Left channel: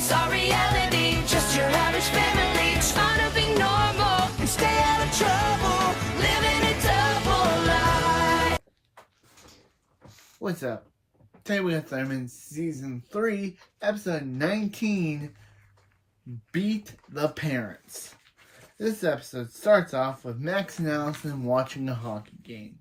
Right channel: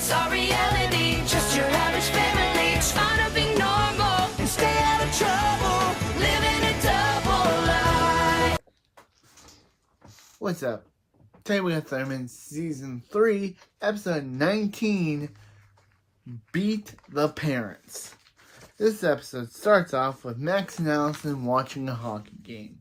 It's our reality, just your average family, trying to be normal and stay out of trouble, living a double life. What's up? Today we have Simon Season 3, Episode 19, Beat the Parents. This episode starts off with Max and Alison watching a hockey game.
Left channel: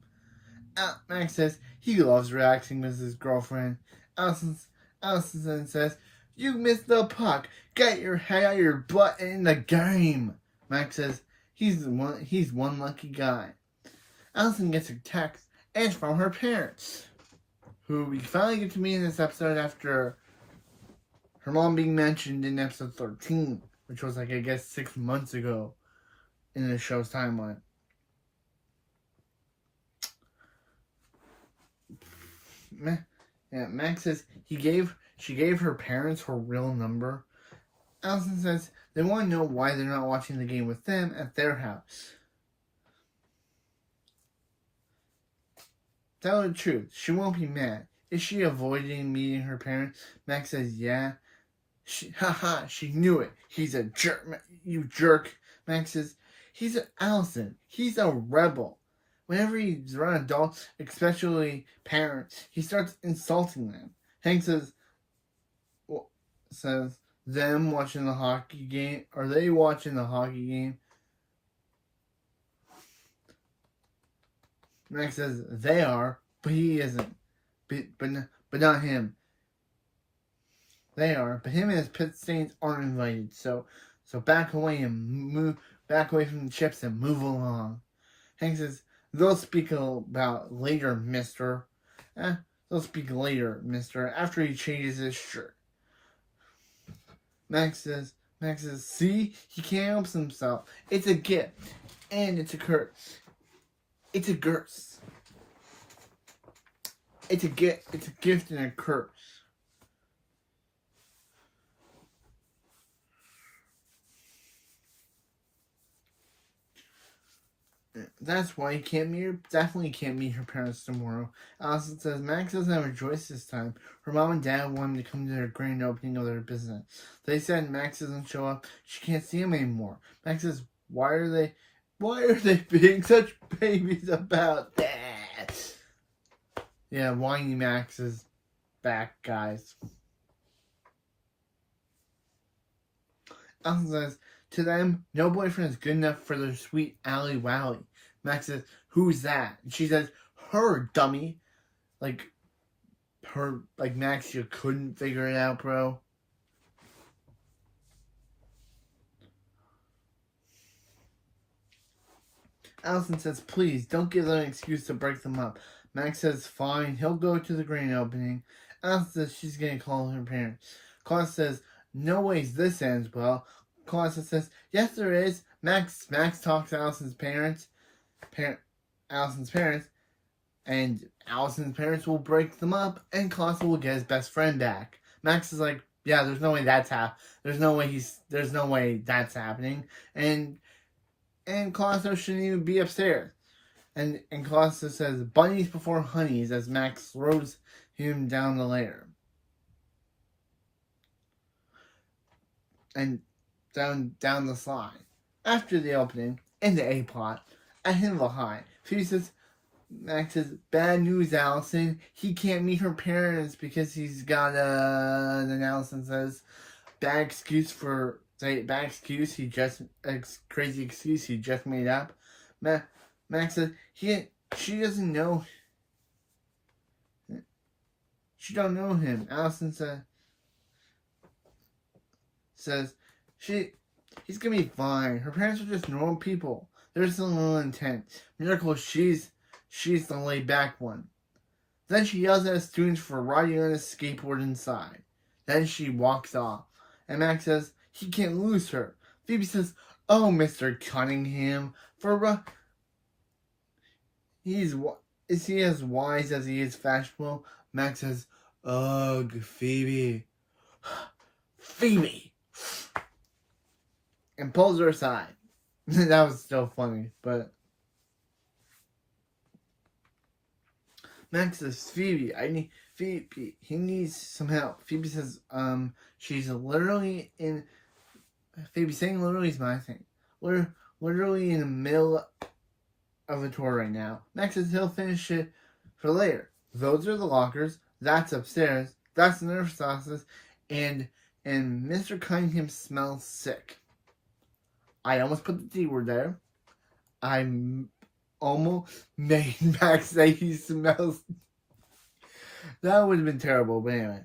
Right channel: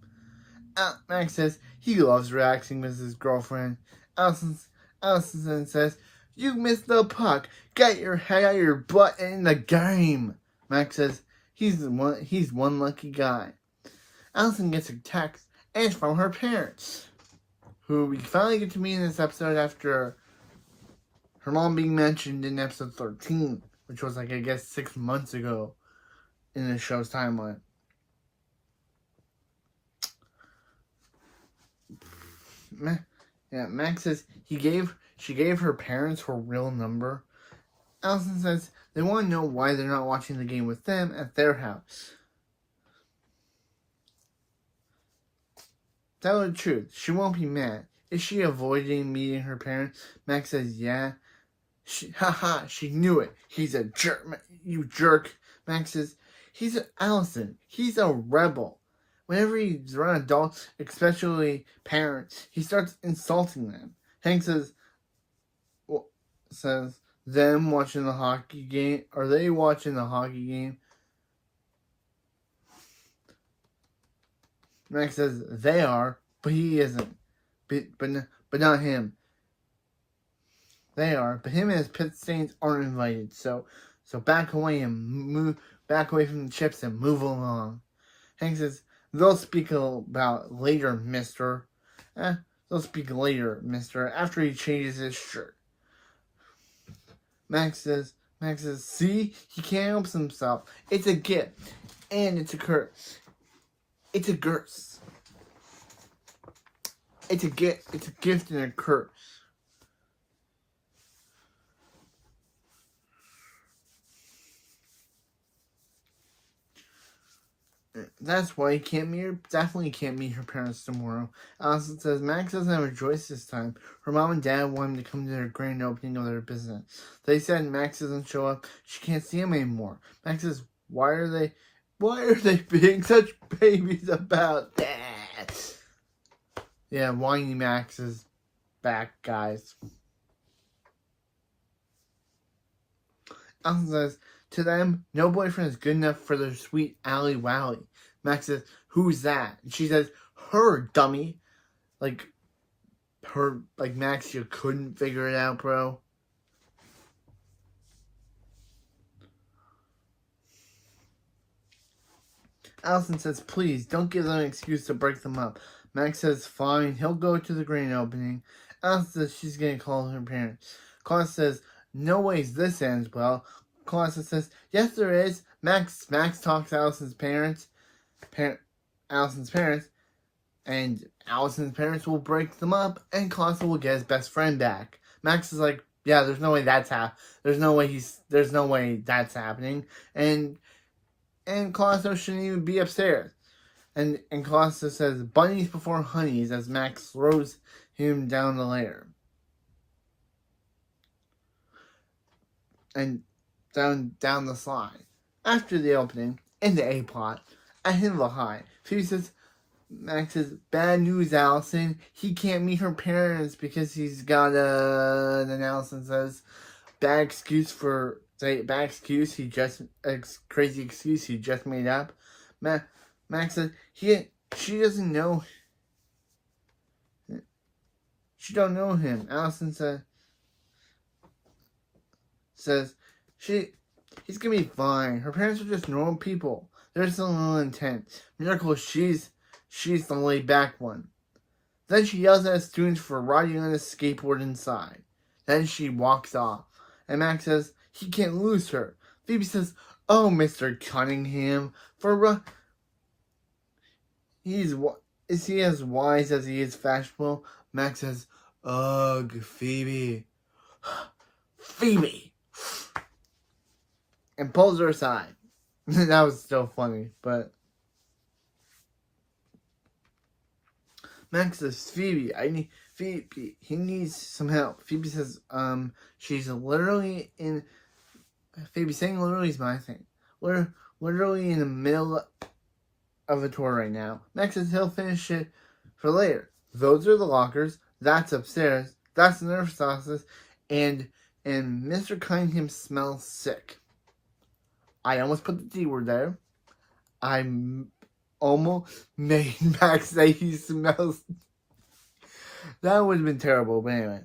Max says he loves relaxing with his girlfriend. Alison then says, "You missed the puck. Get your head out of your butt in the game." Max says he's one lucky guy. Alison gets a text, and it's from her parents, who we finally get to meet in this episode after her mom being mentioned in episode 13, which was I guess 6 months ago in the show's timeline. Max says she gave her parents her real number. Alison says they want to know why they're not watching the game with them at their house. Tell her the truth. She won't be mad. Is she avoiding meeting her parents? Max says, yeah. She knew it. He's a jerk. You jerk. Max says, Alison. He's a rebel. Whenever he's around adults, especially parents, he starts insulting them. Hank says them watching the hockey game. Are they watching the hockey game? Max says they are, but he isn't. But not him. They are, but him and his pit stains aren't invited. So back away from the chips and move along. Hank says they'll speak about later, Mister. They'll speak later, Mister. After he changes his shirt. Max says, see, he can't help himself. It's a gift, and it's a curse. It's a curse. It's a gift and a curse. That's why he definitely can't meet her parents tomorrow. Alison says Max doesn't have a choice this time. Her mom and dad want him to come to their grand opening of their business. They said Max doesn't show up, she can't see him anymore. Max says, why are they being such babies about that? Yeah, whiny Max is back, guys. Alison says, to them, no boyfriend is good enough for their sweet Ally Wally. Max says, who's that? And she says, her, dummy. Max, you couldn't figure it out, bro. Alison says, please, don't give them an excuse to break them up. Max says, fine, he'll go to the grand opening. Alison says she's going to call her parents. Claus says, no ways this ends well. Claus says, yes there is. Max talks to Alison's parents, and Alison's parents will break them up, and Claus will get his best friend back. Max is like, yeah, there's no way that's happening. And Claus shouldn't even be upstairs. And Claus says, bunnies before honeys, as Max throws him down the ladder. And down the slide. After the opening, in the A-plot, at Himmel High, Phoebe says, Max says, bad news, Alison. He can't meet her parents because he's got then Alison says, crazy excuse he just made up. Max says, she doesn't know. She don't know him. Alison says he's gonna be fine. Her parents are just normal people. They're just a little intense. Miracle, she's the laid back one. Then she yells at students for riding on a skateboard inside. Then she walks off. And Max says he can't lose her. Phoebe says, oh, Mr. Cunningham, is he as wise as he is fashionable? Max says, ugh, Phoebe. Phoebe! And pulls her aside. That was still funny, but Max says, Phoebe, Phoebe, he needs some help. Phoebe says, she's literally in, Phoebe saying literally is my thing. We're literally in the middle of a tour right now. Max says he'll finish it for later. Those are the lockers. That's upstairs. That's the nurse's office. And Mr. Cunningham smells sick. I almost put the D word there. I almost made Max say he smells. That would have been terrible, but anyway.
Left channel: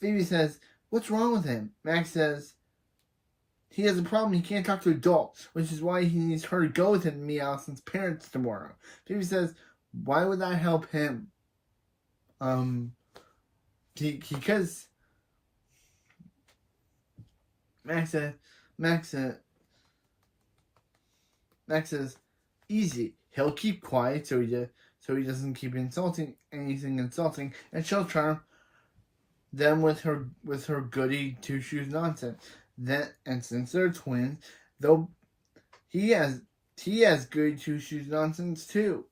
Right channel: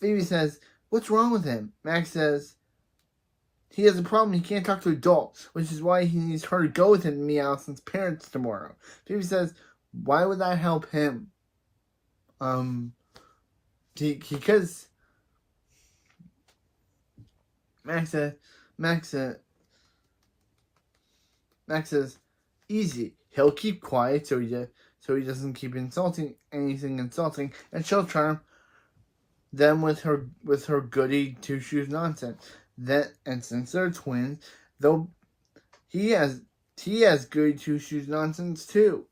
Phoebe says, what's wrong with him? Max says, he has a problem. He can't talk to adults, which is why he needs her to go with him to meet Alison's parents tomorrow. Phoebe says, why would that help him? Because Max says, easy. He'll keep quiet so he doesn't keep insulting anything insulting, and she'll charm them with her goody two shoes nonsense. And since they're twins, though he has goody two shoes nonsense too.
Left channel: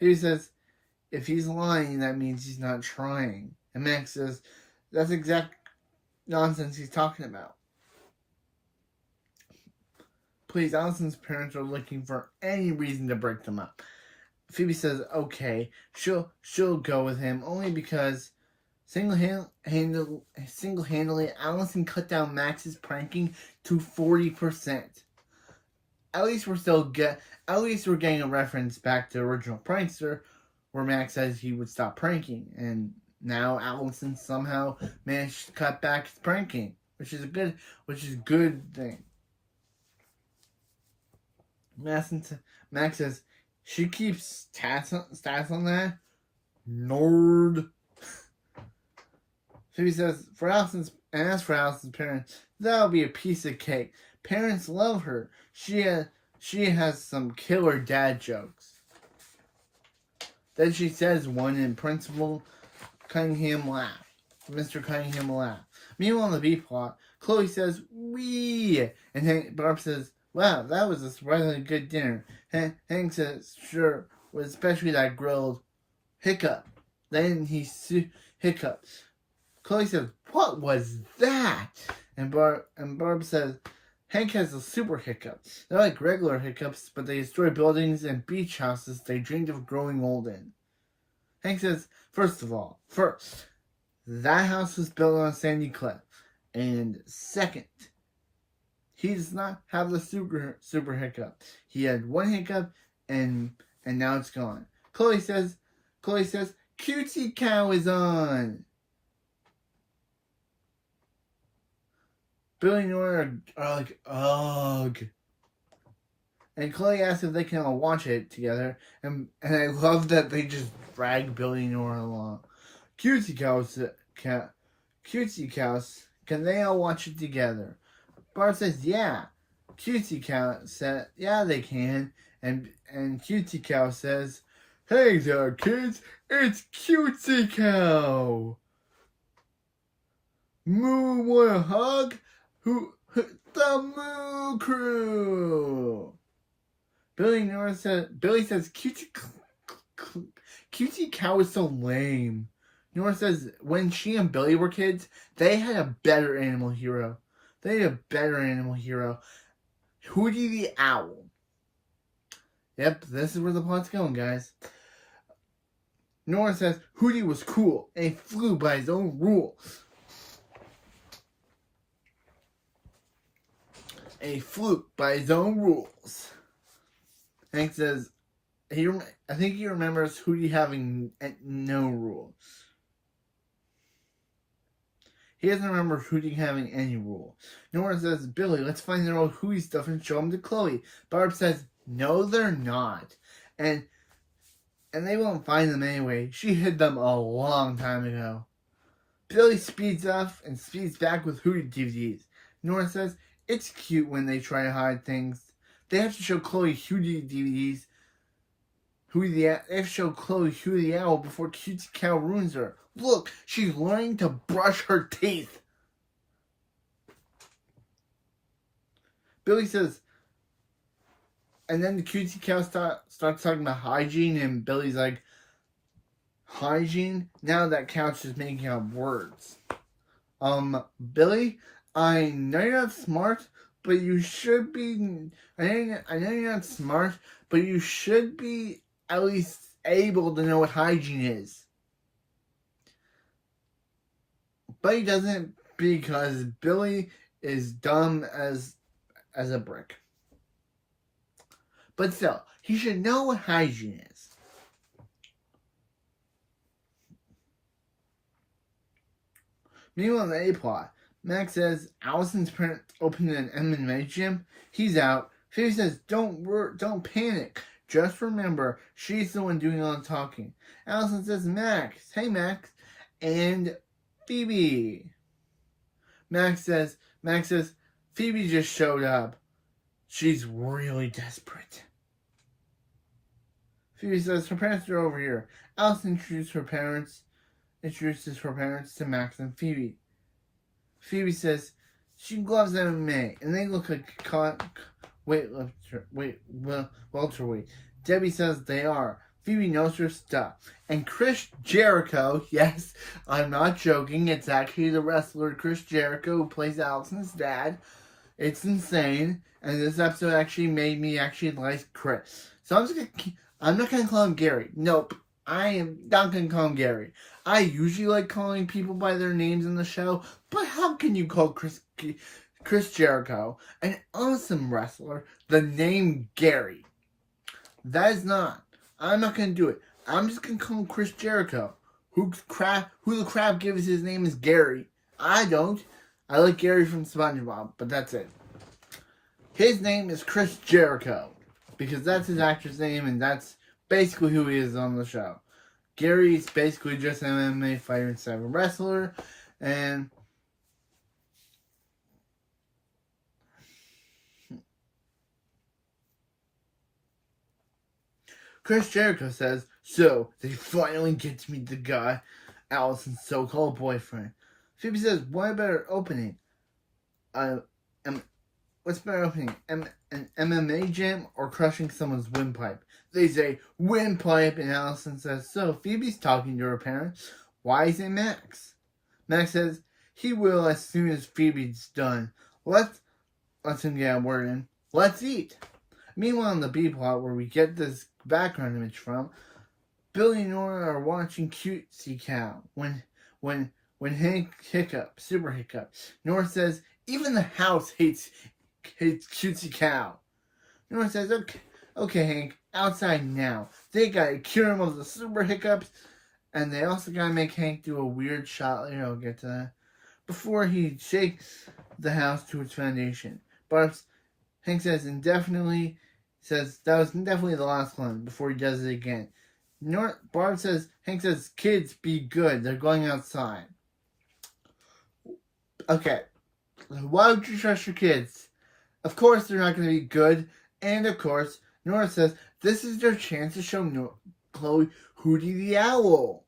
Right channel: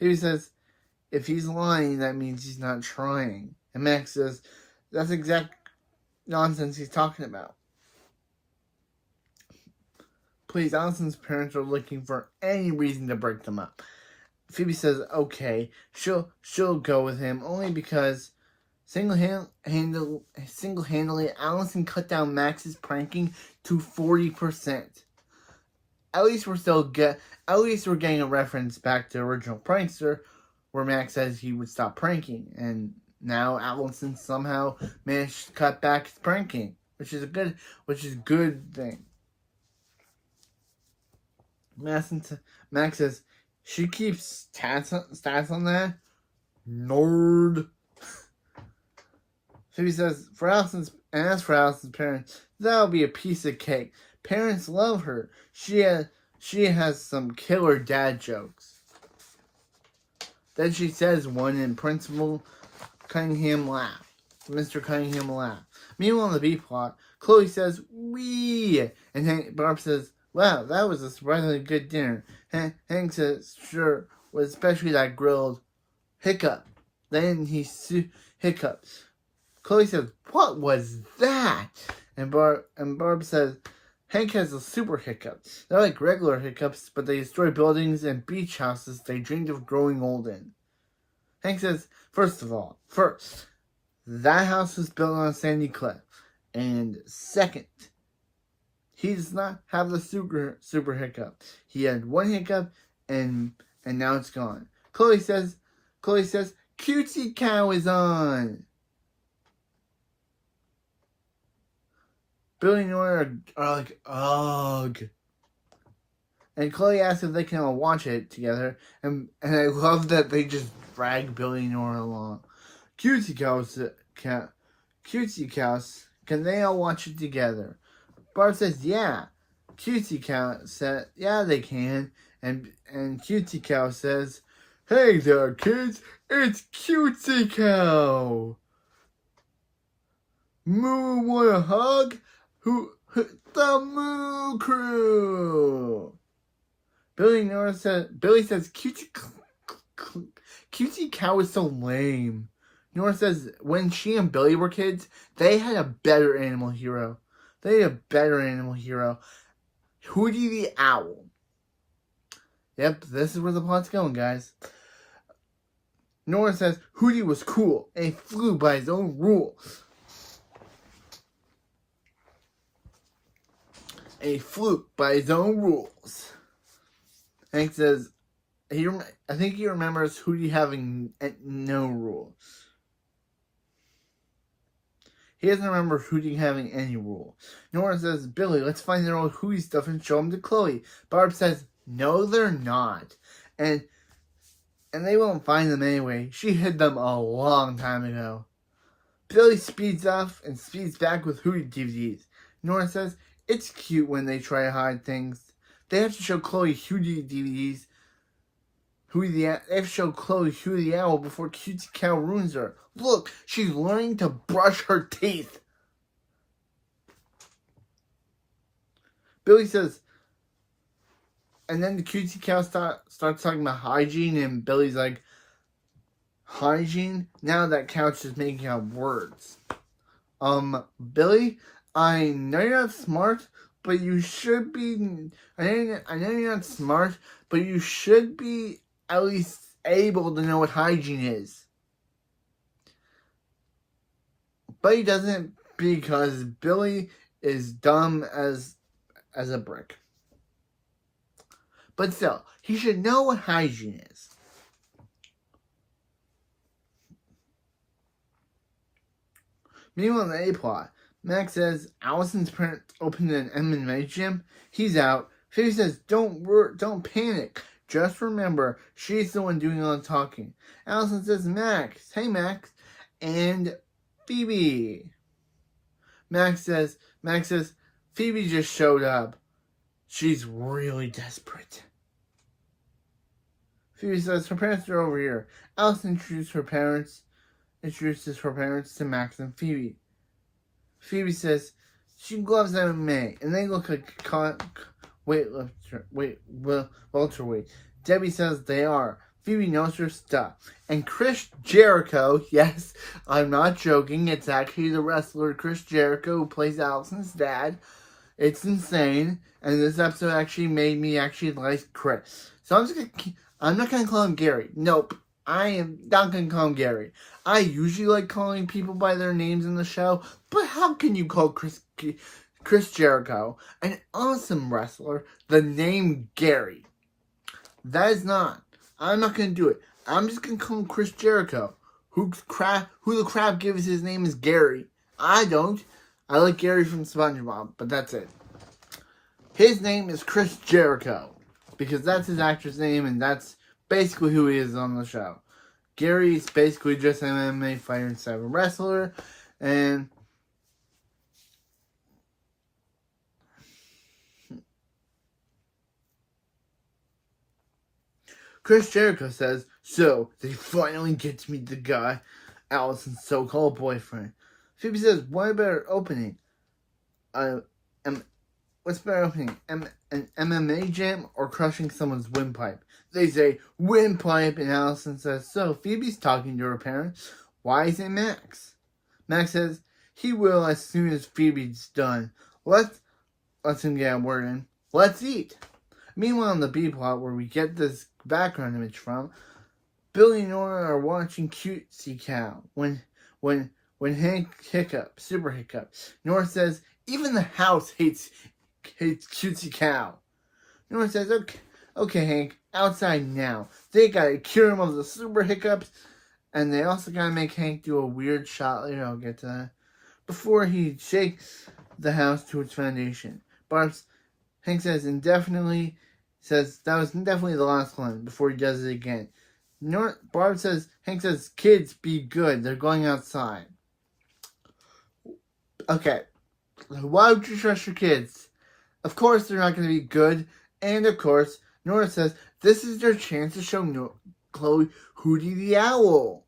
He says, if he's lying, that means he's not trying. And Max says, that's exact nonsense he's talking about. Please, Alison's parents are looking for any reason to break them up. Phoebe says, okay, she'll go with him only because single-handedly Alison cut down Max's pranking to 40%. At least we're getting a reference back to original Prankster, where Max says he would stop pranking, and now Alison somehow managed to cut back his pranking, which is a good thing. Max says, she keeps stats on that? Nerd. Phoebe says, for Alison's parents, that'll be a piece of cake. Parents love her. She has some killer dad jokes. Then she says one in Principal Cunningham laugh. Mr. Cunningham laugh. Meanwhile, in the B plot, Chloe says, wee! And Barb says, wow, that was a surprisingly good dinner. Hank says, sure, was especially that grilled hiccup. Then he hiccups. Chloe says, what was that? And Barb says, Hank has a super hiccup. They're like regular hiccups, but they destroy buildings and beach houses they dreamed of growing old in. Hank says, first, that house was built on a sandy cliff. And second, he does not have the super hiccup. He had one hiccup and now it's gone. Chloe says, Cutesy Cow is on. Billy and Nora are like, ugh. And Chloe asks if they can all watch it together. And I love that they just drag Billy and Nora along. Cutesy Cows, can they all watch it together? Barb says, yeah. Cutesy Cow said, yeah, they can. And Cutesy Cow says, hey there, kids. It's Cutesy Cow. Moo, want a hug? The Moo Crew. Billy says, Cutesy Cow is so lame. Nora says, when she and Billy were kids, they had a better animal hero. Hootie the Owl. Yep, this is where the plot's going, guys. Nora says, Hootie was cool, and he flew by his own rules. Hank says, I think he remembers Hootie having no rules. He doesn't remember Hootie having any rules. Nora says, Billy, let's find their old Hootie stuff and show them to Chloe. Barb says, no, they're not. And they won't find them anyway. She hid them a long time ago. Billy speeds off and speeds back with Hootie DVDs. Nora says, it's cute when they try to hide things. They have to show Chloe Hootie DVDs. They have to show Chloe Hootie the Owl before Cutesy Cow ruins her. Look, she's learning to brush her teeth. Billy says, and then the Cutesy Cow starts talking about hygiene, and Billy's like, hygiene. Now that couch is making up words. Billy, I know you're not smart, but you should be. I know you're not smart, but you should be at least able to know what hygiene is. But he doesn't because Billy is dumb as a brick. But still, he should know what hygiene is. Meanwhile, in the A-plot, Max says Allison's parents opened an MMA gym. He's out. Phoebe says, don't panic. Just remember, she's the one doing all the talking. Alison says, Max. Hey, Max. And Phoebe. Max says, Phoebe just showed up. She's really desperate. Phoebe says, her parents are over here. Alison introduces her parents to Max and Phoebe. Phoebe says she loves MMA, and they look like welterweight. Debbie says they are. Phoebe knows her stuff. And Chris Jericho, yes, I'm not joking, it's actually the wrestler Chris Jericho who plays Allison's dad. It's insane, and this episode actually made me actually like Chris. So I'm not gonna call him Gary. Nope, I am not gonna call him Gary. I usually like calling people by their names in the show, but how can you call Chris Jericho, an awesome wrestler, the name Gary? That is not. I'm not gonna do it. I'm just gonna call him Chris Jericho. Who the crap gives his name is Gary? I don't. I like Gary from SpongeBob, but that's it. His name is Chris Jericho because that's his actor's name, and that's basically who he is on the show. Gary is basically just an MMA fighter instead of a wrestler, and Chris Jericho says, so they finally get to meet the guy, Allison's so-called boyfriend. Phoebe says, what a better opening? What's better opening? An MMA gym or crushing someone's windpipe? They say, windpipe, and Alison says, so Phoebe's talking to her parents. Why isn't Max? Max says, he will as soon as Phoebe's done. Let's him get a word in. Let's eat. Meanwhile, in the B plot, where we get this background image from, Billy and Nora are watching Cutesy Cow when Hank hiccups, super hiccups. Nora says, even the house hates Cutesy Cow. Nora says, okay, Hank, outside now. They gotta cure him of the super hiccups, and they also gotta make Hank do a weird shot later. I'll get to that. Before he shakes the house to its foundation. Hank says that was definitely the last one before he does it again. Hank says, kids, be good. They're going outside. Okay. Why would you trust your kids? Of course they're not going to be good. And of course, Nora says, this is their chance to show Chloe Hootie the Owl.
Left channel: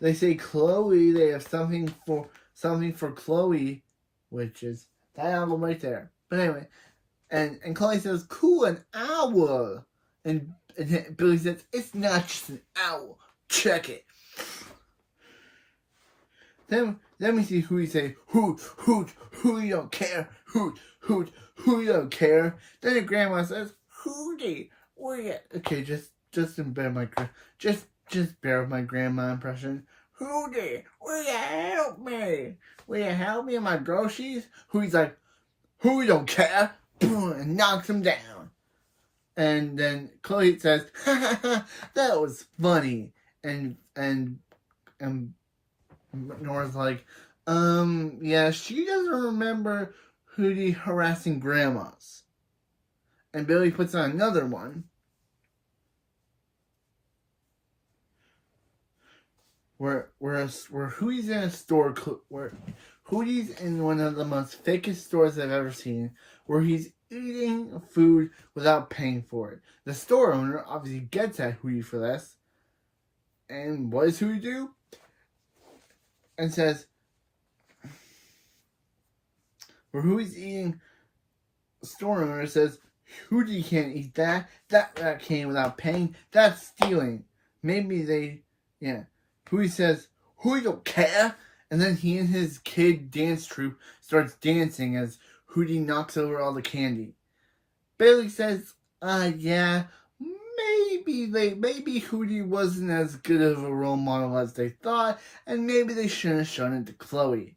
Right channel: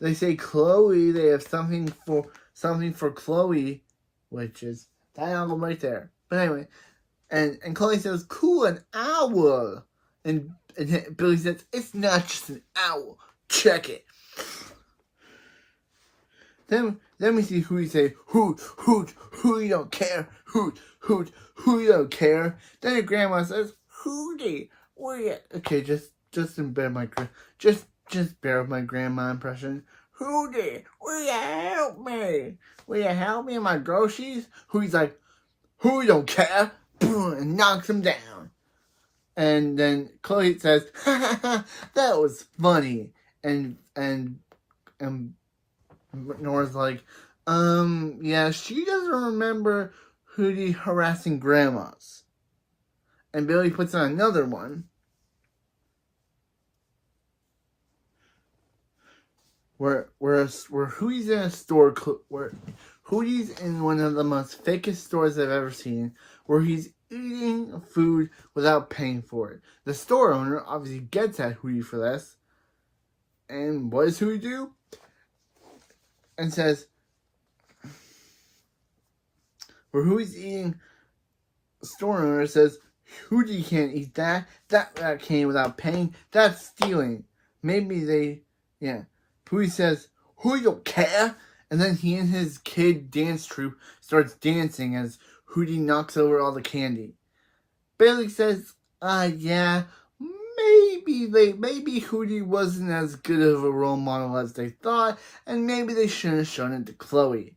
They say Chloe, they have something for Chloe, which is that owl right there. But anyway, and Chloe says, cool, an owl. And Billy says, it's not just an owl. Check it. Then we see Hootie say, hoot, Hootie don't care. Hoot, Hootie don't care. Then her grandma says, Hootie, okay, just bear with my grandma impression. Hootie, will you help me? Will you help me with my groceries? Hootie's like, Hootie don't care, and knocks him down. And then Chloe says, ha ha ha, that was funny. And Nora's like, yeah, she doesn't remember Hootie harassing grandmas. And Billy puts on another one. Where Hootie's in a store, where Hootie's in one of the most fakest stores I've ever seen, where he's eating food without paying for it. The store owner obviously gets at Hootie for this. And what does Hootie do? And says, where Hootie's eating, the store owner says, Hootie can't eat that. That came without paying. That's stealing. Maybe Hootie says, Hootie don't care. And then he and his kid dance troupe starts dancing as Hootie knocks over all the candy. Bailey says, yeah, maybe Hootie wasn't as good of a role model as they thought, and maybe they shouldn't have shown it to Chloe.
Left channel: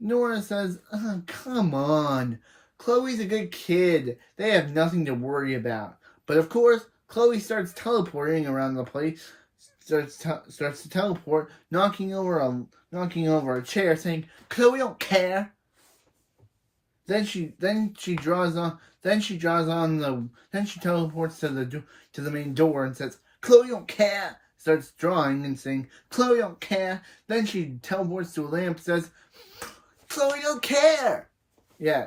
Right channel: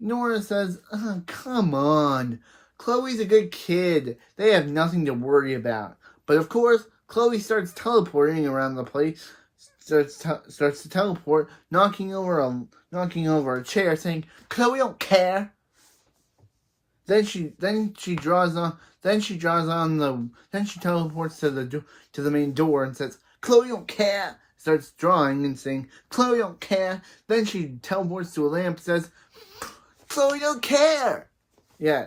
Nora says, come on. Chloe's a good kid. They have nothing to worry about. But of course, Chloe starts teleporting around the place, starts to teleport, knocking over a chair, saying, Chloe don't care. Then she teleports to the main door and says, Chloe don't care. Starts drawing and saying, Chloe don't care. Then she teleports to a lamp and says, Chloe don't care. Yeah.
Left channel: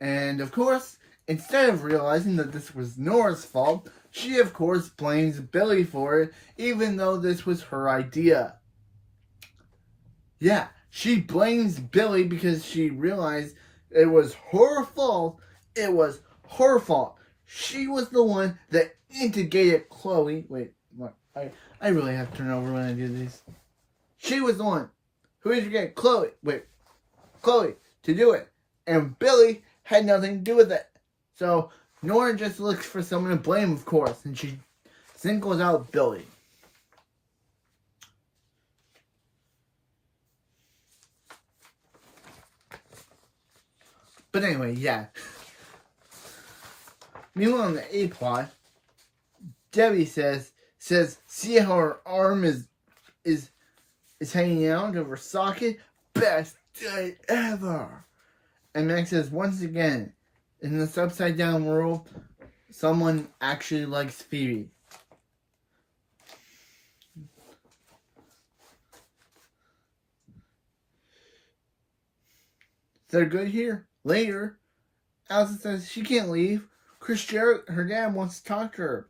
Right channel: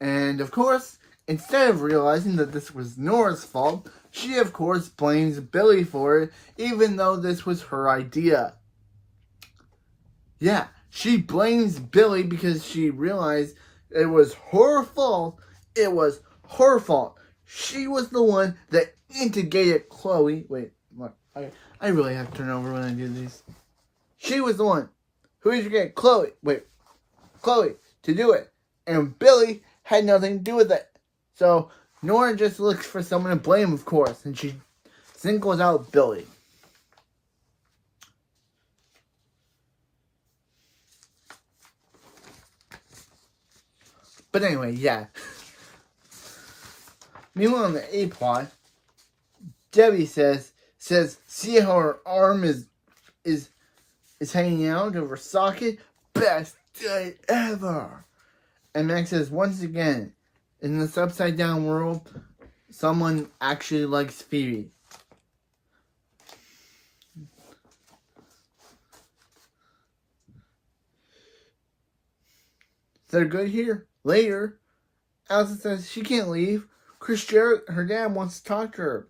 And of course, instead of realizing that this was Nora's fault, she of course blames Billy for it, even though this was her idea. Yeah, she blames Billy because she realized it was her fault. It was her fault. She was the one that instigated Chloe. Wait, what? I really have to turn over when I do these. She was the one who instigated Chloe to do it. And Billy had nothing to do with it. So Nora just looks for someone to blame, of course, and she singles out Billy. But anyway, yeah. Meanwhile, on the A plot, Debbie says, see how her arm is hanging out of her socket? Best day ever. And Max says, once again, in this upside down world, someone actually likes Phoebe. They're good here. Later, Alison says she can't leave. Her dad wants to talk to her.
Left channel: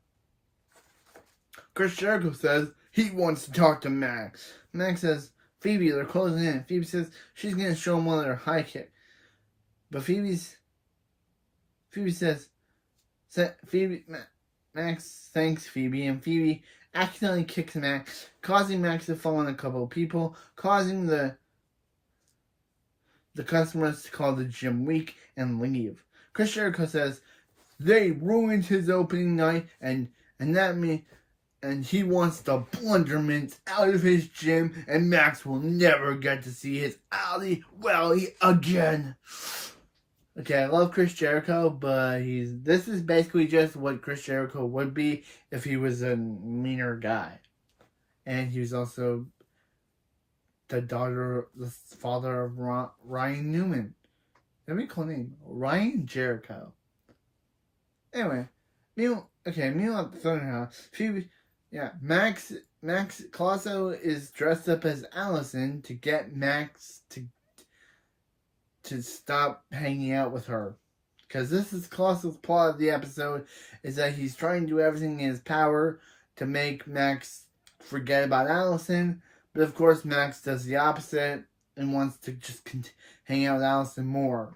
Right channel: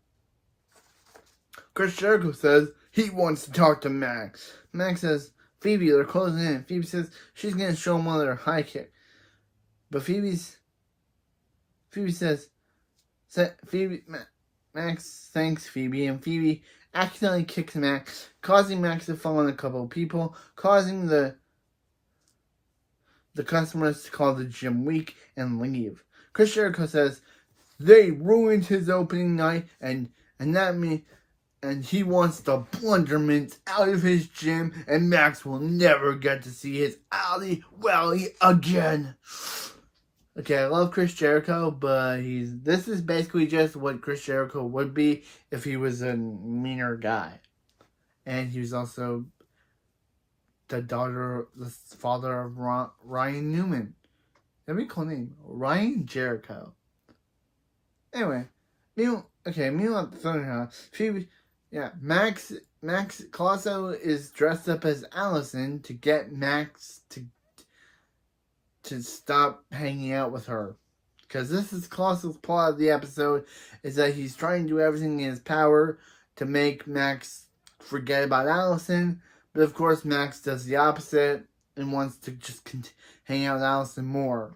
Chris Jericho says he wants to talk to Max. Max says, Phoebe, they're closing in. Phoebe says she's going to show him one of their high kick. But Max thanks Phoebe, and Phoebe accidentally kicks Max, causing Max to fall on a couple of people, causing the customers to call the gym weak and leave. Chris Jericho says they ruined his opening night, and he wants the blunderments out of his gym, and Max will never get to see his Alley Wally again. Okay, I love Chris Jericho, but this is basically just what Chris Jericho would be if he was a meaner guy. And he's also the father of Ryan Newman. That'd be a cool name. Ryan Jericho. Anyway, meanwhile at the Thunder House, Max Colosso is dressed up as Alison to get Max to stop hanging out with her. Because this is Colosso's plot of the episode, is that he's trying to do everything in his power to make Max forget about Alison. But of course, Max does the opposite and wants to just hang out with Alison more.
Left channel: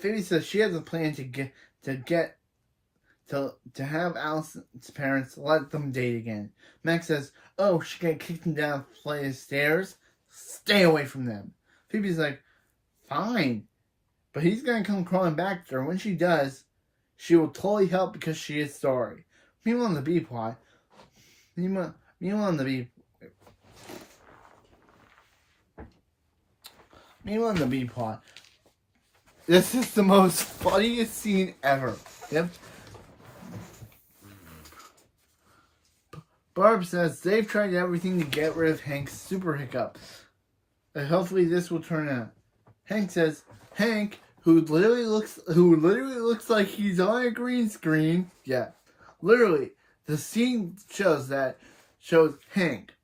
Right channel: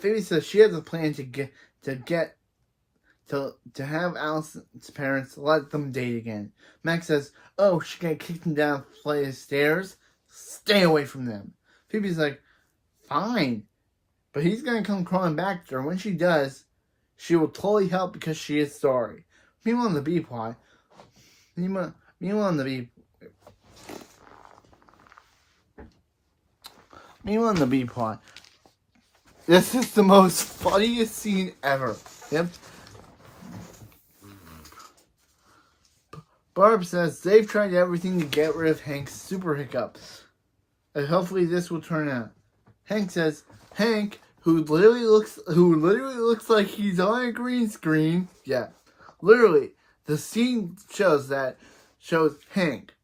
Phoebe says she has a plan to have Alison's parents let them date again. Max says, oh, she's going to kick them down a flight of stairs? Stay away from them. Phoebe's like, fine. But he's going to come crawling back to her. When she does, she will totally help because she is sorry. Meanwhile, on the B plot, this is the most funniest scene ever. Yep. Barb says they've tried everything to get rid of Hank's super hiccups. And hopefully this will turn out. Hank says, Hank, who literally looks like he's on a green screen. Yeah. Literally, the scene shows Hank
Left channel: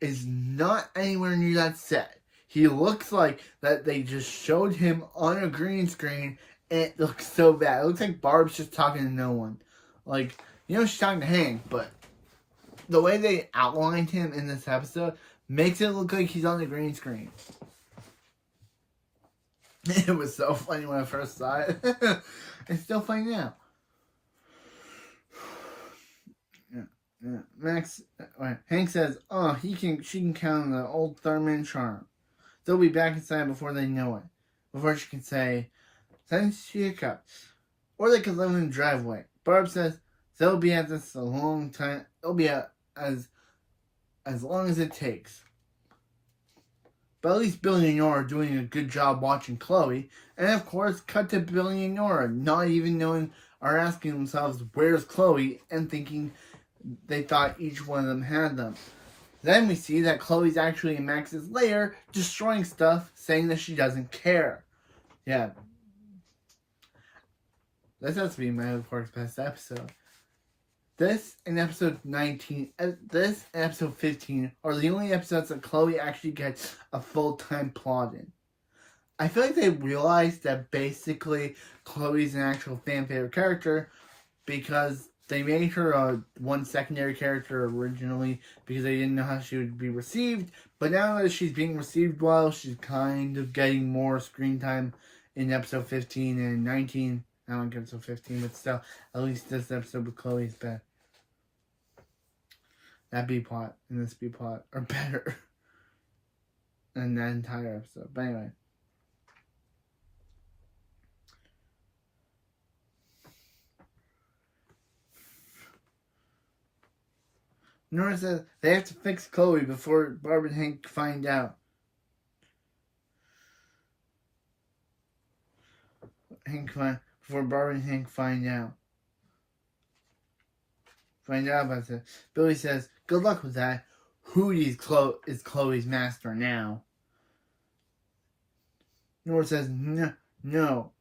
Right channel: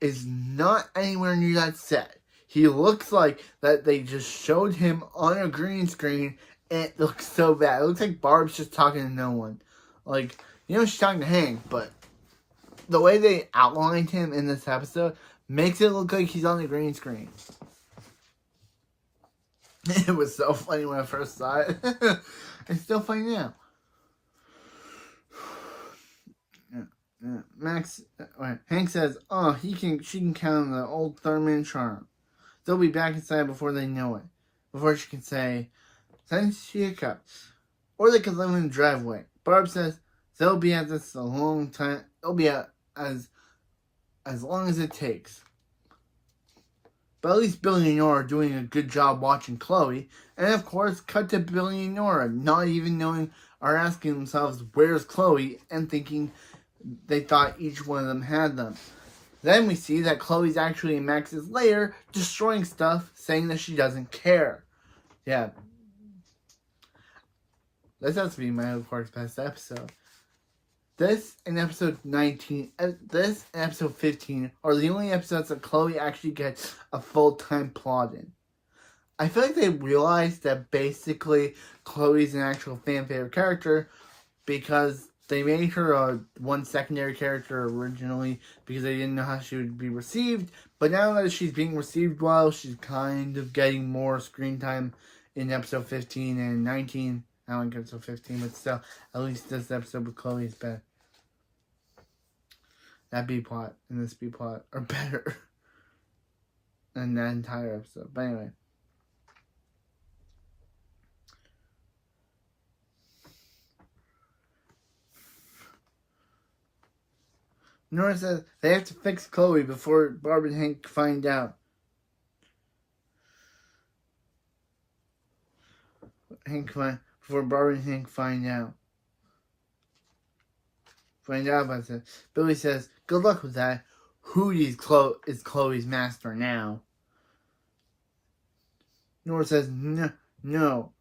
is not anywhere near that set. He looks like that they just showed him on a green screen, and it looks so bad. It looks like Barb's just talking to no one. Like, she's talking to Hank, but the way they outlined him in this episode makes it look like he's on the green screen. It was so funny when I first saw it. It's still funny now. Hank says, "Oh, she can count on the old Thurman charm. They'll be back inside before they know it. Before she can say, send she a cup, or they could live in the driveway." Barb says they'll be at this a long time. They'll be at as long as it takes. But at least Billy and Nora are doing a good job watching Chloe. And of course, cut to Billy and Nora, not even knowing or asking themselves, where's Chloe? And thinking they thought each one of them had them. Then we see that Chloe's actually in Max's lair, destroying stuff, saying that she doesn't care. Yeah. This has to be my of course best episode. This and episode 19, this and episode 15 are the only episodes that Chloe actually gets a full-time plot in. I feel like they realized that basically Chloe's an actual fan favorite character because they made her one secondary character originally because they didn't know how she would be received. But now that she's being received well, she's kind of getting more screen time in episode 15 and 19. I don't like episode 15, but still, at least this episode with Chloe is better. That B-plot and this B-plot are better than that entire episode. But anyway. Nora says they have to fix Chloe before Barb and Hank find out. Before Barb and Hank find out. About it. Billy says, good luck with that. Hootie is Chloe's master now. Nora says, no.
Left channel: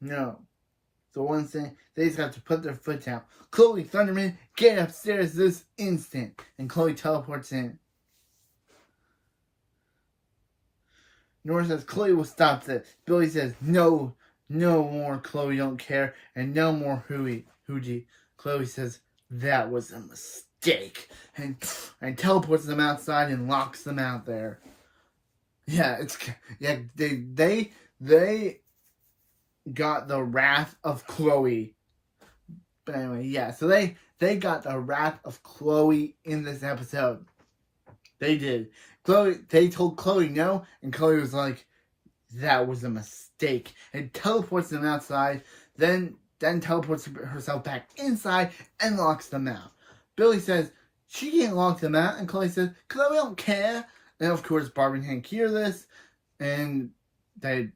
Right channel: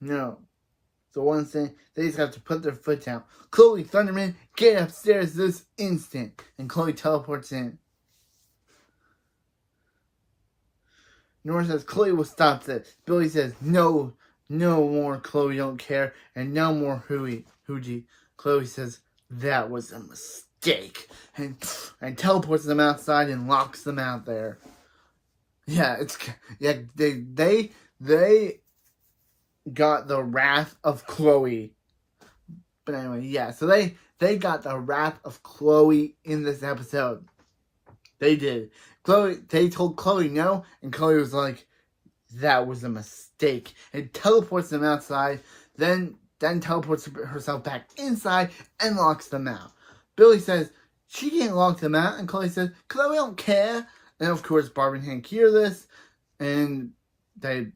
The one thing, they just have to put their foot down. Chloe, Thunderman, get upstairs this instant. And Chloe teleports in. Nora says, Chloe will stop this. Billy says, no more Chloe, don't care. And no more Hootie. Chloe says, that was a mistake. And teleports them outside and locks them out there. Yeah, they got the wrath of Chloe. But anyway, yeah, so they got the wrath of Chloe in this episode. They did. They told Chloe no, and Chloe was like, that was a mistake. And teleports them outside, then teleports herself back inside and locks them out. Billy says, she can't lock them out, and Chloe says, Chloe don't care. And of course, Barb and Hank hear this, and they,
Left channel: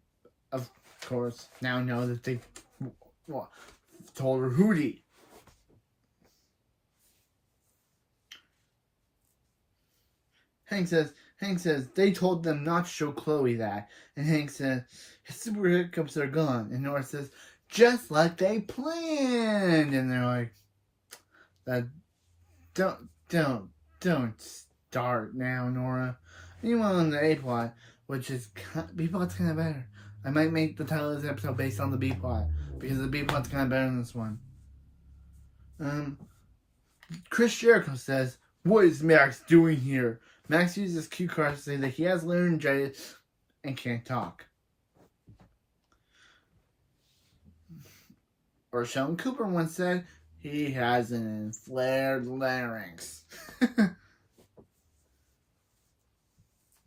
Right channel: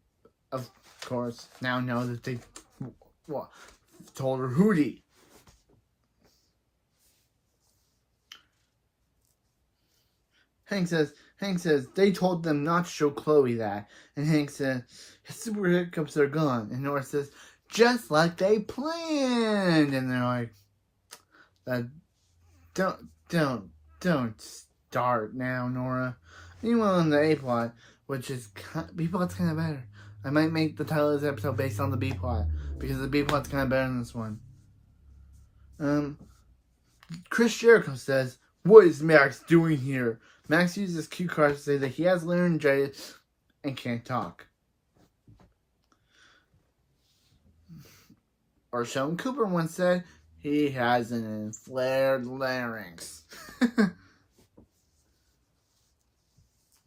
of course, now know that they told her Hootie. Hank says, they told them not to show Chloe that. And Hank says, his super hiccups are gone. And Nora says, just like they planned. And they're like, don't start now, Nora. Meanwhile, on the A plot, which is B plot's kind of better. I might make the title of this episode based on the B plot because the B plot's kind of better than this one. Chris Jericho says, "What is Max doing here?" Max uses cue cards to say that he has laryngitis and can't talk. Or Sheldon Cooper once said, he has an inflared larynx.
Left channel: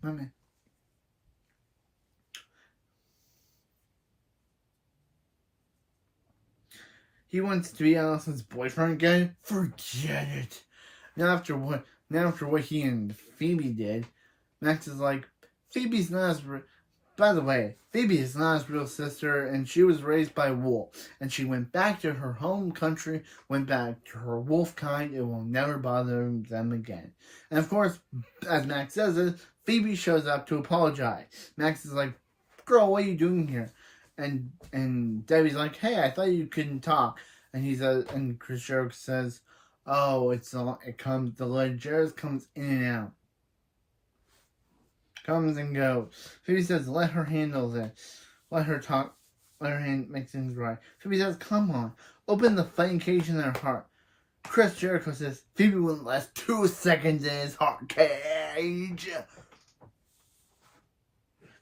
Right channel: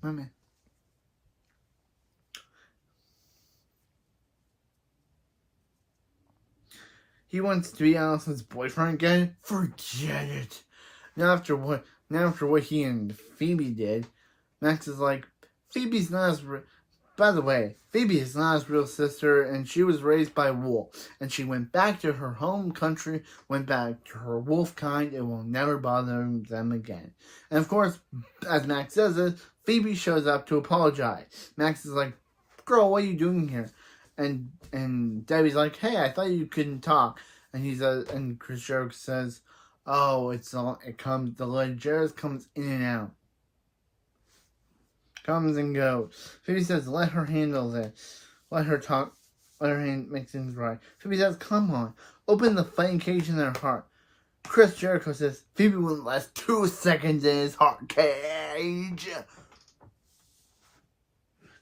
Okay. He wants to be Alison's boyfriend again? Forget it. Now after what he and Phoebe did, Max is like, Phoebe's not as... By the way, Phoebe is not his real sister, and she was raised by wolf. And she went back to her home country, went back to her wolf kind, and will never bother them again. And of course, as Max says it, Phoebe shows up to apologize. Max is like, girl, what are you doing here? And Debbie's like, hey, I thought you couldn't talk. And and Chris Jericho says, oh, the Legers comes in and out. Comes and goes. Phoebe says, let her handle this. Let her talk. Let her make things right. Phoebe says, come on. Open the fighting cage in their heart. Chris Jericho says, Phoebe wouldn't last 2 seconds in his heart cage.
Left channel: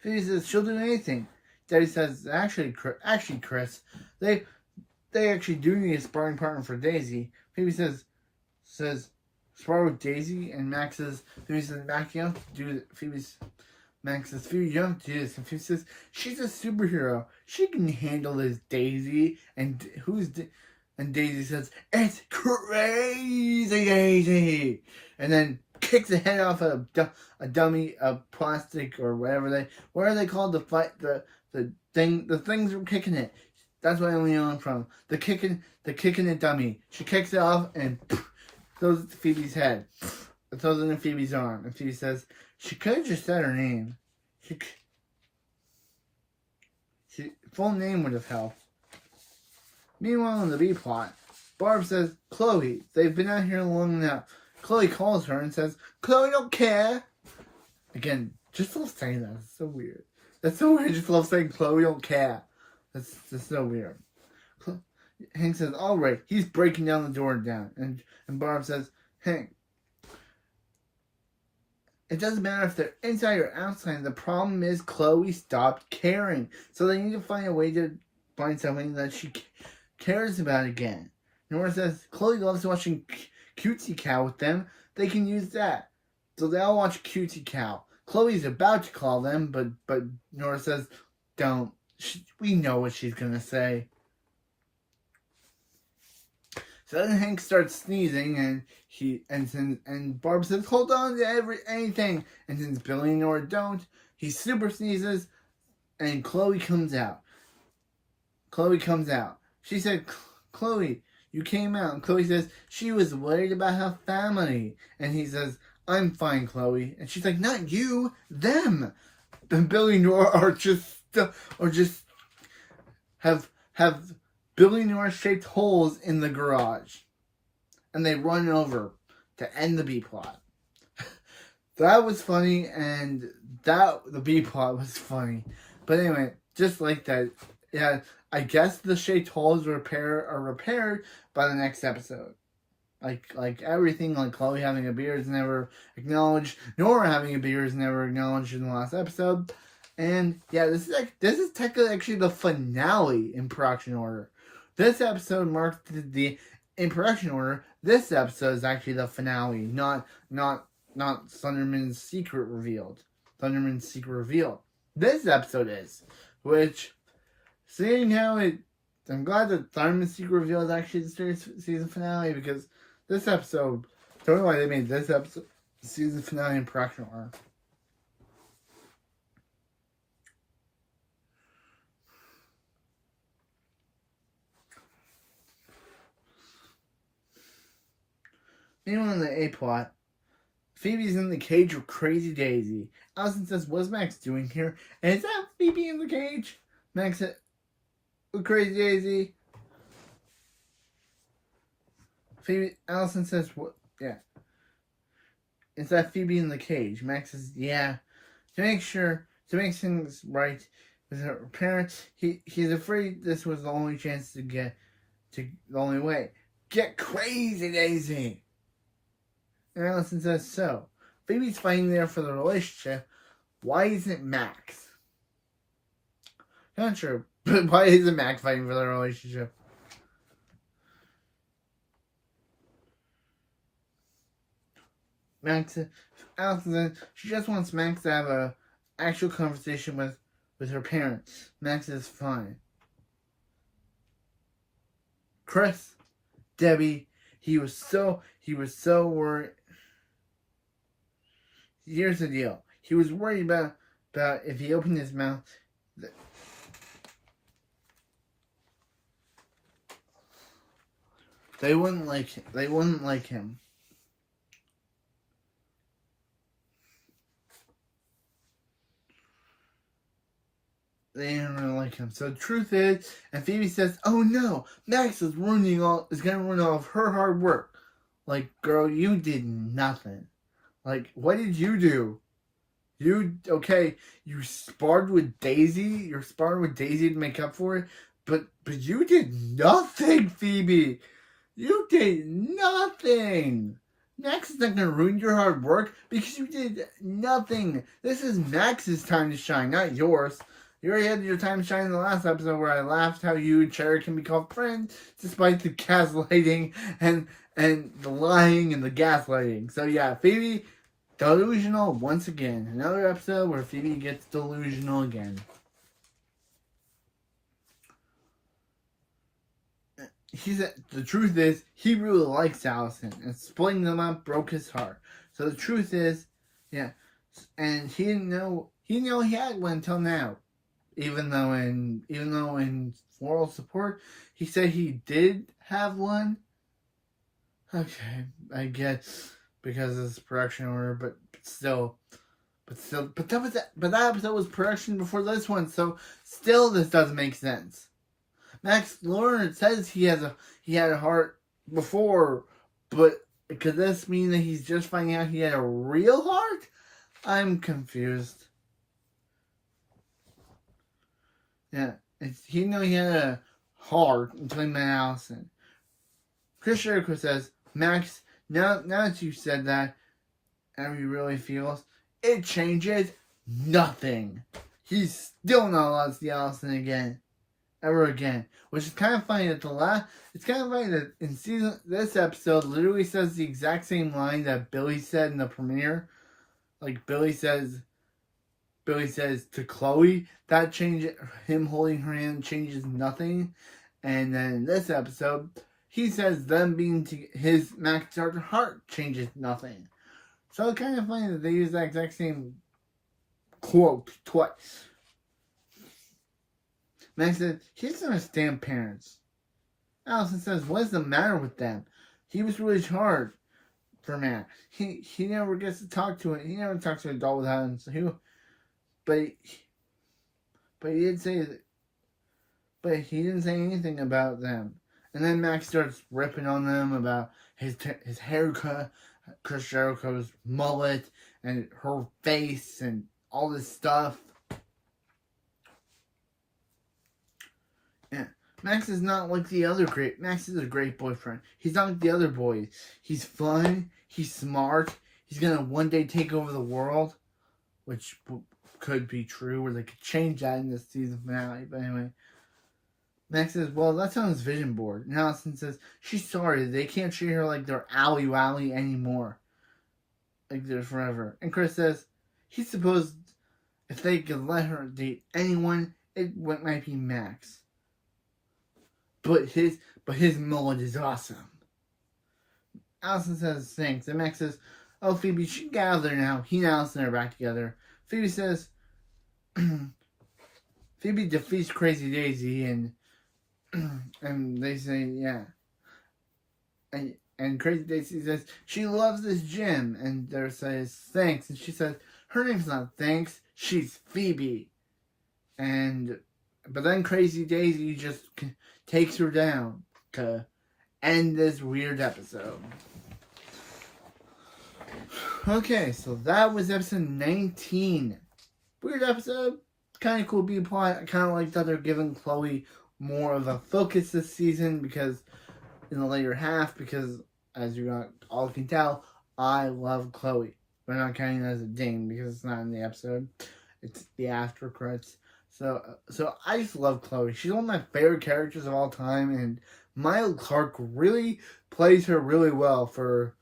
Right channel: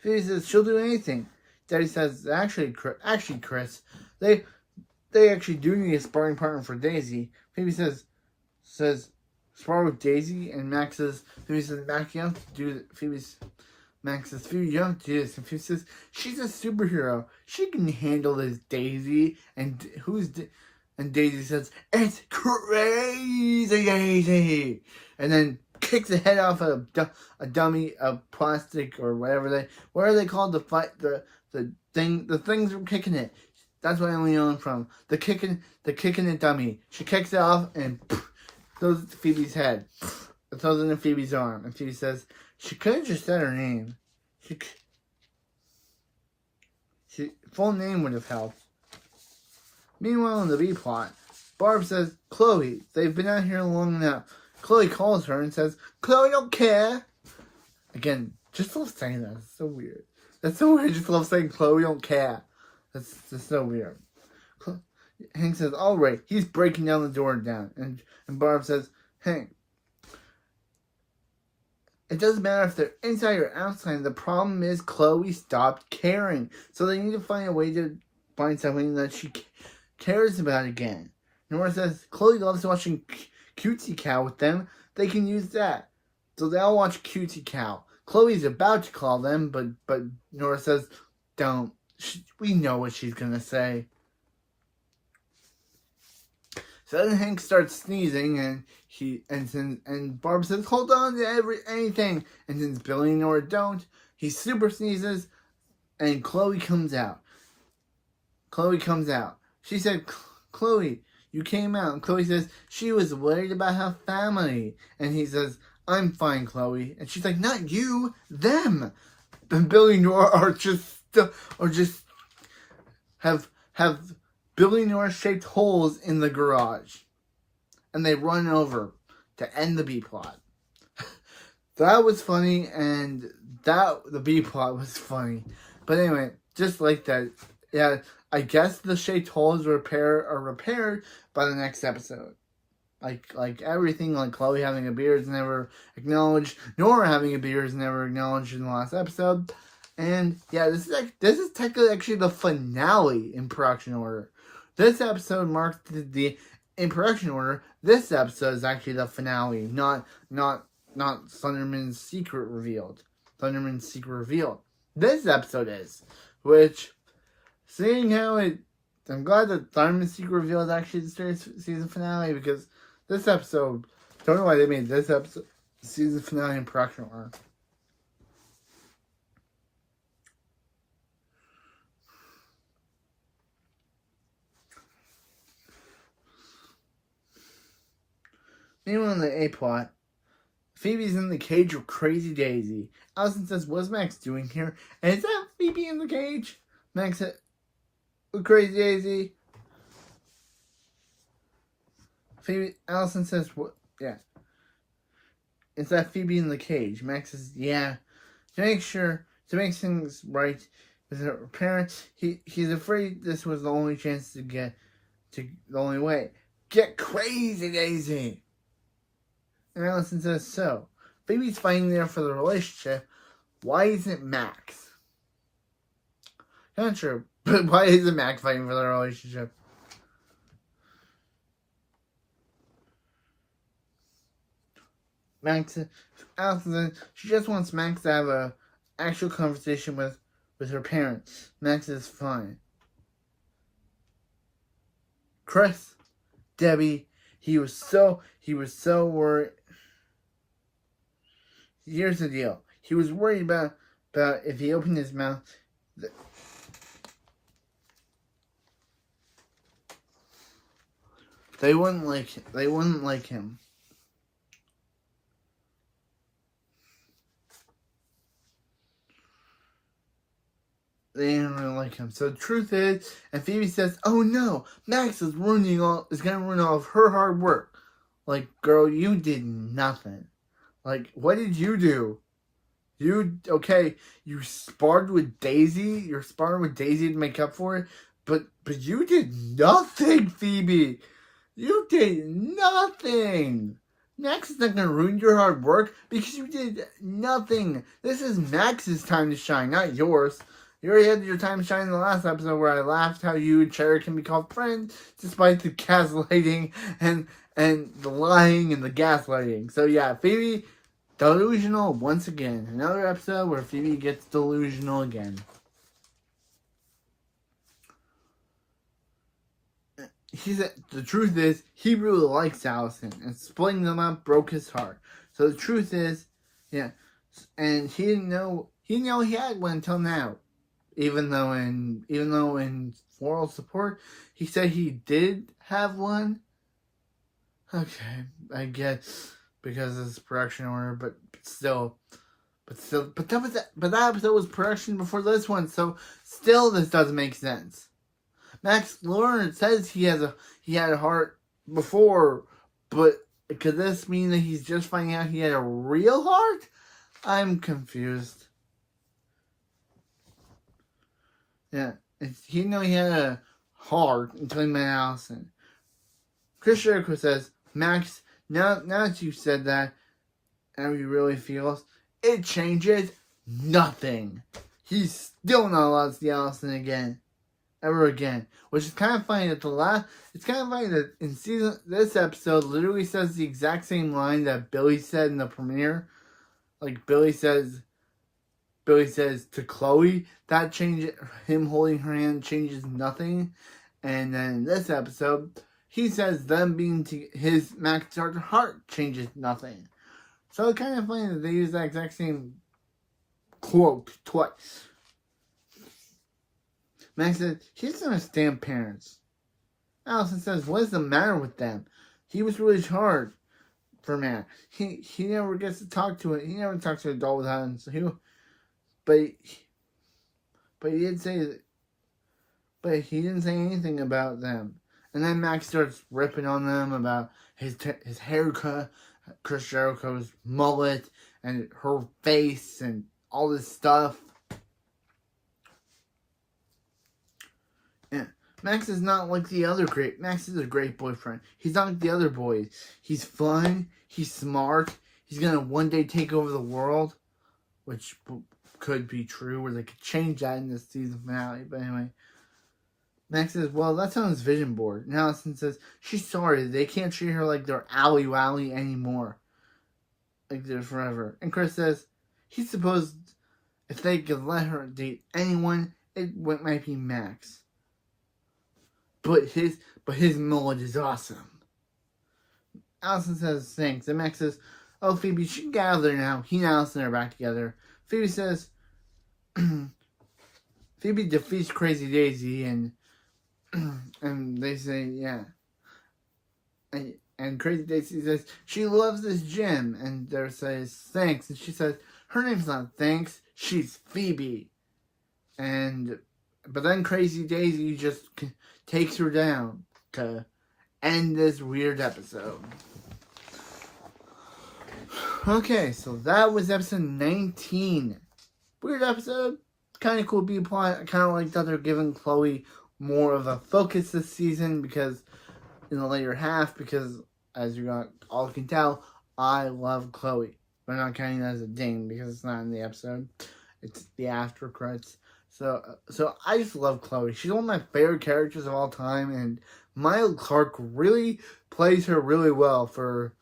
Phoebe says, she'll do anything. Daddy says, actually, Chris, they actually do need a sparring partner for Daisy. Phoebe says, spar with Daisy, and Phoebe says, Max, you have to do it. Max says, Phoebe, you have to do this. And Phoebe says, she's a superhero. She can handle this, Daisy. And Daisy says, it's crazy, Daisy. And then kicks the head off a dummy of plastic or whatever they called the things were kicking it. That's what I only know from the kicking it dummy. She kicks it off and throws it to Phoebe's head. It throws it in Phoebe's arm, and Phoebe says she could have just said her name. She full name would have helped. Meanwhile, in the B plot, Barb says, Chloe, they've been out here long enough. Chloe calls her and says, Chloe don't care. Again, just love saying that. It's so weird. That's so weird. Just love saying Chloe don't care. That's so weird. Hank says, all right, he's breaking down the door down. And Barb says, Hank, it doesn't matter if they're inside or outside. The problem is Chloe stopped caring. So they need to find a way to find something that she cares about again. Nora says, Chloe loves watching Cutesy Cow with them. They can use that. So they all watch Cutesy Cow. Chloe's about to call them, but Nora says, don't. We know what she's going to say. So then Hank starts sneezing, and Barb says, hold on to anything. And since Billy and Nora don't, he super sneezes, and Chloe comes out. She said, Chloe, you came out. And Chloe says she was worried about her family. And he says, I'm fine, Chloe. And she's like, not you, them. And Billy and Nora have Billy and Nora shaped holes in the garage. And they run over to end the B plot. That was funny, and the B plot was funny. But anyway, just like that, yeah, I guess the shaped holes are repaired by the next episode. Like everything, like Chloe having a beard is never acknowledged. Nora having a beard is never acknowledged in the last episode. And yeah, this is technically actually the finale in production order. This episode marked the in production order. This episode is actually the finale, not Thunderman's secret revealed. Thunderman's secret revealed. This episode is, which, seeing how I'm glad that Thunderman's secret revealed is actually the season finale, because this episode, don't know why they made this episode season finale in production order. Meanwhile, in the A plot, Phoebe's in the cage with Crazy Daisy. Alison says, what's Max doing here? And is that Phoebe in the cage? Max said, with Crazy Daisy. Alison says, what? Yeah. Is that Phoebe in the cage? Max says, yeah. To make things right with her parents, he's afraid this was the only chance the only way. Get Crazy Daisy! And Alison says, so, Phoebe's fighting there for the relationship. Why isn't Max? Not sure, but why isn't Max fighting for the relationship? Alison says she just wants Max to have a actual conversation with her parents. Max is fine. Chris, Debbie, he was so worried. Here's the deal. He was worried about if he opened his mouth. They wouldn't like him. They didn't really like him. So the truth is, and Phoebe says, "Oh no, Max is going to ruin all of her hard work." Like, girl, you did nothing. Like, what did you do? You sparred with Daisy. You're sparring with Daisy to make up for it. But you did nothing, Phoebe. You did nothing. Max is not going to ruin your hard work because you did nothing. This is Max's time to shine, not yours. You already had your time shining in the last episode where I laughed how you and Cherry can be called friends despite the gaslighting and the lying and the gaslighting. So yeah, Phoebe, delusional once again. Another episode where Phoebe gets delusional again. He said the truth is he really likes Alison, and splitting them up broke his heart. So the truth is, yeah, and he didn't know he had one until now. Even though in moral support he said he did have one. Okay, I guess because of this production order, but that episode was production before this one, so still this doesn't make sense. Max Lawrence says he had a heart before, but could this mean that he's just finding out he had a real heart? I'm confused. Yeah, he didn't know he had a heart until he met Alison. Chris Jericho says, Max, now that you said that, and he really feels, it changes nothing. He's still not allowed to see Alison again. Ever again. Which is kind of funny that it's kind of funny that in this episode literally says the exact same line that Billy said in the premiere. Like Billy says to Chloe, that changes, him holding her hand changes nothing. And then in this episode, he says them being his Max Starter heart changes nothing. So it's kind of funny that they use that exact same quote twice. Max said, he doesn't understand parents. Alison says, what is the matter with them? He was really hard for Max. He never gets to talk to it. He never talks to an adult without him. So but he did say that. But he didn't say anything about them. And then Max starts ripping on them about his haircut, Chris Jericho's mullet, and her face, and all this stuff. Yeah. Max is not like the other Max is a great boyfriend. He's not like the other boys. He's fun. He's smart. He's gonna one day take over the world, which could be true, or they could change that in the season finale. But anyway, Max says, well, that's on his vision board. And Alison says, she's sorry. They can't treat her like they're Ally Wally anymore. Like they're forever. And Chris says, he supposed if they could let her date anyone, it might be Max. But his mullet is awesome. Alison says thanks, and Max says, oh, Phoebe, she can get out of there now. He and Alison are back together. Phoebe says, Phoebe defeats Crazy Daisy, and they say, yeah. And Crazy Daisy says, she loves this gym, and they says, thanks. And she says, her name's not Thanks, she's Phoebe. But then Crazy Daisy just takes her down to end this weird episode. Okay, so that was episode 19. Weird episode. Kind of cool B-plot. I kind of like that they're giving Chloe more of a focus this season because in the later half, because as you all can tell, I love Chloe. We're not counting that as a ding because it's not in the episode. It's the after credits. So I just love Chloe. She's one of my favorite characters of all time, and Maya Clark really plays her really well for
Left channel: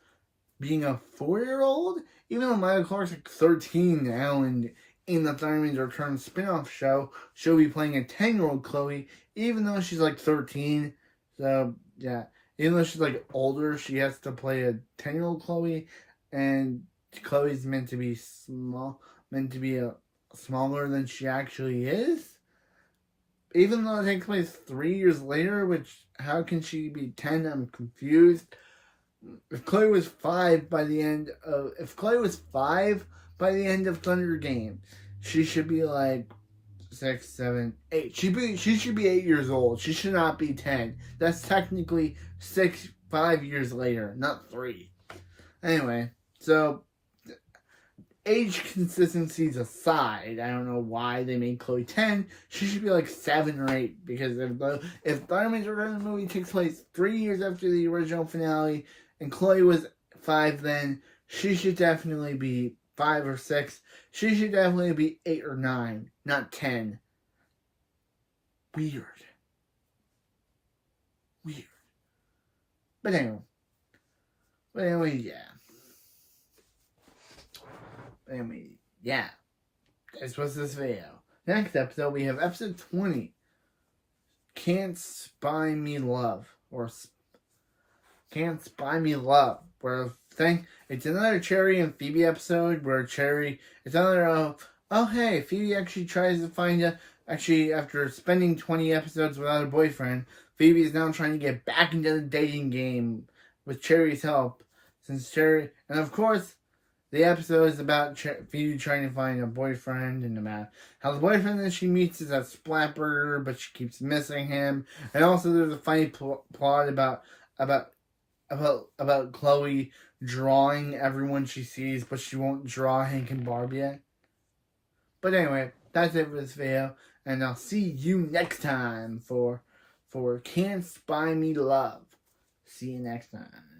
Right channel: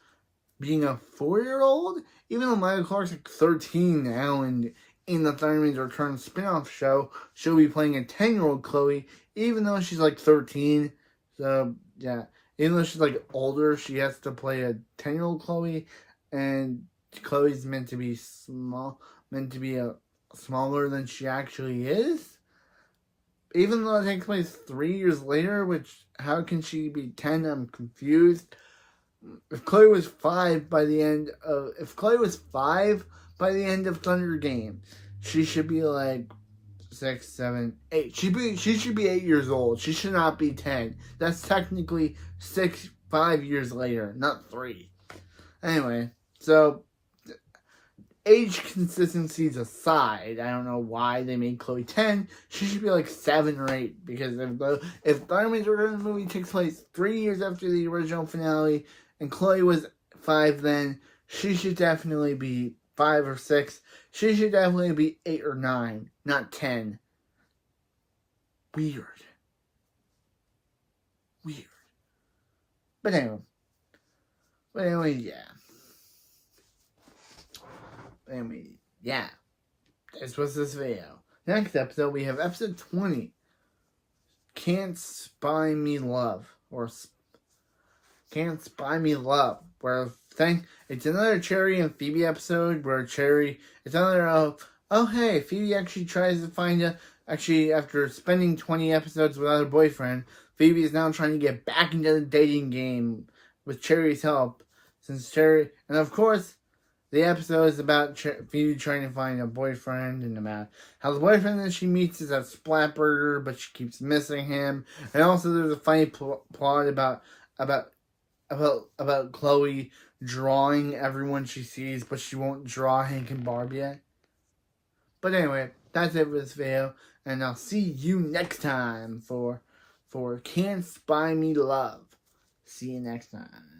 being a 4-year-old. Even though Maya Clark's like 13 now, and in the Thurman's Return spin-off show, she'll be playing a 10-year-old Chloe, even though she's like 13. So, yeah. Even though she's like older, she has to play a 10-year-old Chloe, and Chloe's meant to be smaller than she actually is. Even though it takes place 3 years later, which, how can she be 10? I'm confused. If Chloe was 5 by the end of Thunder Game, she should be like 6, 7, 8. She should be 8 years old. She should not be 10. That's technically 5 years later, not 3. Anyway, so age consistencies aside, I don't know why they made Chloe 10. She should be like 7 or 8, because if Thurman's Return movie takes place 3 years after the original finale, and Chloe was 5 then, she should definitely be 5 or 6. She should definitely be 8 or 9, not 10. Weird. But anyway, yeah. This was this video. Next episode, we have episode 20. Can't Spy Me Love. Or Can't Spy Me Love. Where it's another Cherry and Phoebe episode where it's another, hey, Phoebe actually tries to find actually after spending 20 episodes without a boyfriend, Phoebe is now trying to get back into the dating game with Cherry's help. And of course, the episode is about Phoebe trying to find a boyfriend and how the boyfriend that she meets is a Splatburger, but she keeps missing him. And also there's a funny plot about Chloe drawing everyone she sees, but she won't draw Hank and Barb yet. But anyway, that's it for this video, and I'll see you next time for Can't Spy Me Love. See you next time.